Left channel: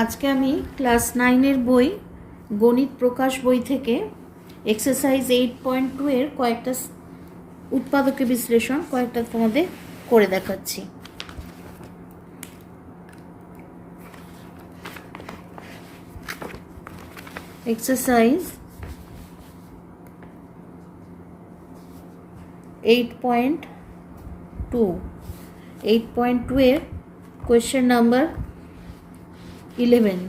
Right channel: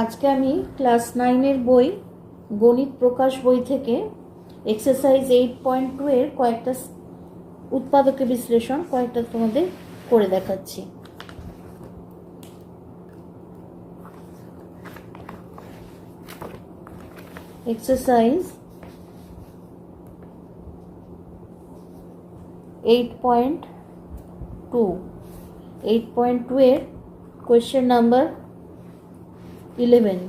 আজকে আমি ক্লাস 9 বই গণিত প্রকাশ বই থেকে এক্সারসাইজ 8.2 এর কয়েকটা উৎপাদকে বিশ্লেষণ কয়েকটা তোমাদের করে দেখাচ্ছি। এক্সারসাইজ 8.2 এর question number 11।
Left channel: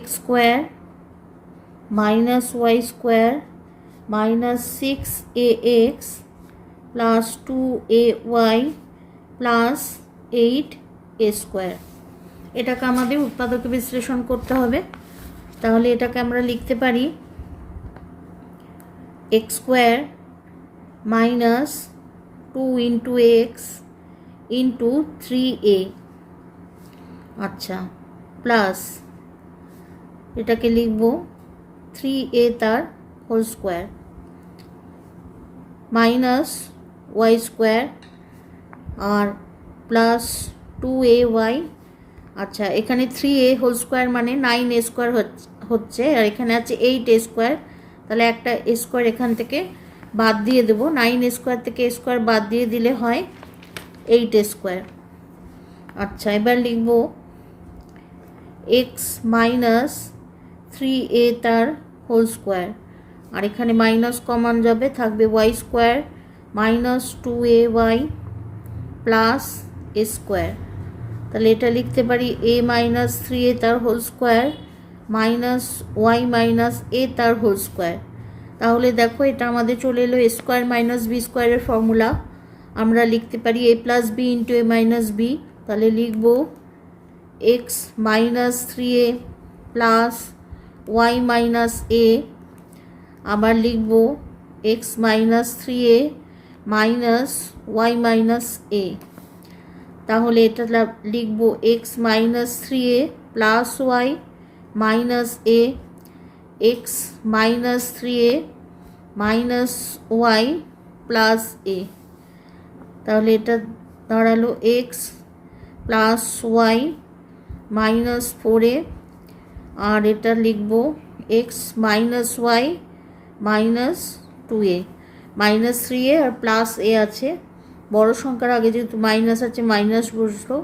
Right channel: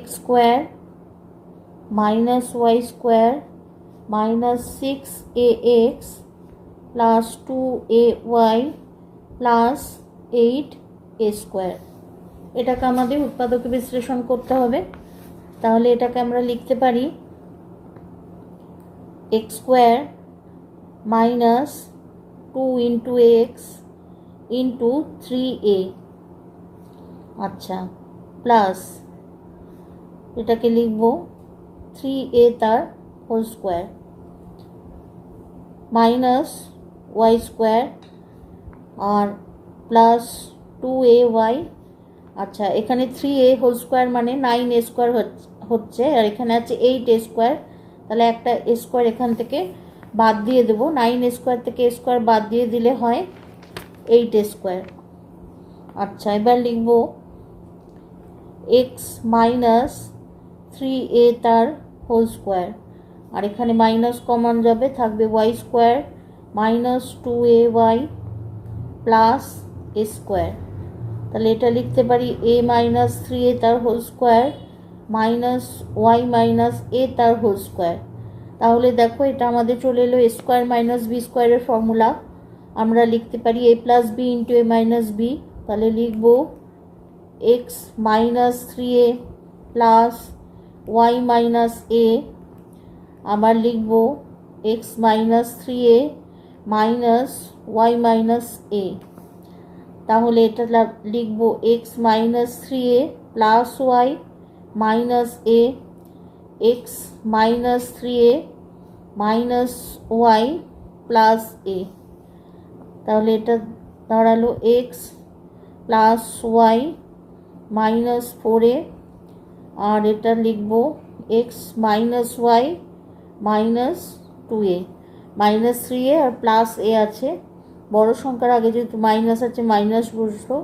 x square minus y square minus 6ax plus 2ay plus 8a square এটাকে আমাদের উৎপাদকে বিশ্লেষণ করতে হবে। তাহলে এটাকে আমরা লিখতে পারি x square minus 2 into x into 3a, আচ্ছা, প্লাস এটাকে লিখব 3a তার whole square minus y square আর প্লাস 2ay। আচ্ছা, এখানে 3a হোল স্কোয়ার মানে 9a স্কোয়ার হচ্ছে, আর এখানে আছে 8a স্কোয়ার। তাহলে একটা a স্কোয়ার এখান থেকে বাদ দিয়ে দেবো। 9a স্কোয়ার থেকে a স্কোয়ার বাদ দিয়ে দিলে হয় 8a স্কোয়ার। আচ্ছা, এবার লিখব x মাইনাস 3a তার হোল স্কোয়ার, আর এখানে মাইনাস কমন যাবে, থাকবে y square minus 2ay plus a square. তাহলে এটা লিখতে পারি a মাইনাস 3a তার whole square minus y minus a তার হোল স্কোয়ার। তাহলে দেখো এটা আমাদের চলে এলো এ স্কোয়ার মাইনাস বি স্কোয়ারের ফর্মুলা। আমরা লিখতে পারি a plus b into a minus b. তাহলে লিখব x minus 3a plus y minus a, আবার লিখব x minus 3a minus y minus a. তাহলে এটা লিখব x minus 3a plus y minus a, x minus 3a minus y plus a. তাহলে এটা দাঁড়ালো x plus y minus 4a, আর এটা লিখব x minus y minus 2a, minus 3a আর প্লাস এ আছে। বড় সংখ্যার আগে যেহেতু মাইনাস আছে মাইনাস বসলো,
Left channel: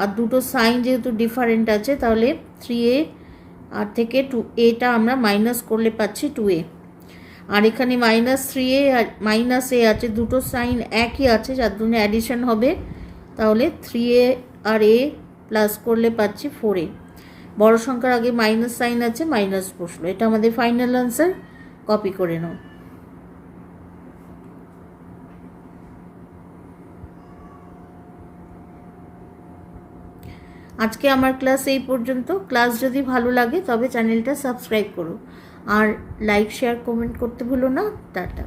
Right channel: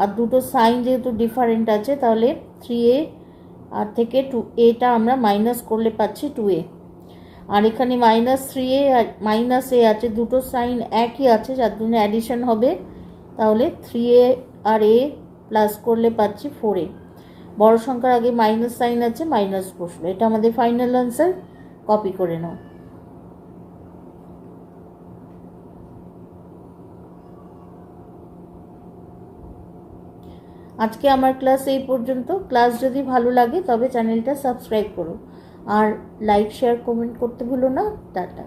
আর দুটো সাইন যেহেতু ডিফারেন্ট আছে তাহলে 3a আর থেকে 2aটা আমরা মাইনাস করলে পাচ্ছি 2a। আর এখানে মাইনাস 3a আর মাইনাস এ আছে, দুটো সাইন একই আছে, যার জন্য অ্যাডিশন হবে। তাহলে 3a আর a প্লাস করলে পাচ্ছি 4a। বড় সংখ্যার আগে মাইনাস সাইন আছে, মাইনাস বসলো। এটা আমাদের ফাইনাল আনসার। কপি করে নাও। আজকে আমার ক্লাস এই পর্যন্ত। ক্লাস যদি ভালো লাগে তবে চ্যানেলটা সাবস্ক্রাইব করো, আর লাইক শেয়ার কমেন্ট করতে ভুলো না। টাটা।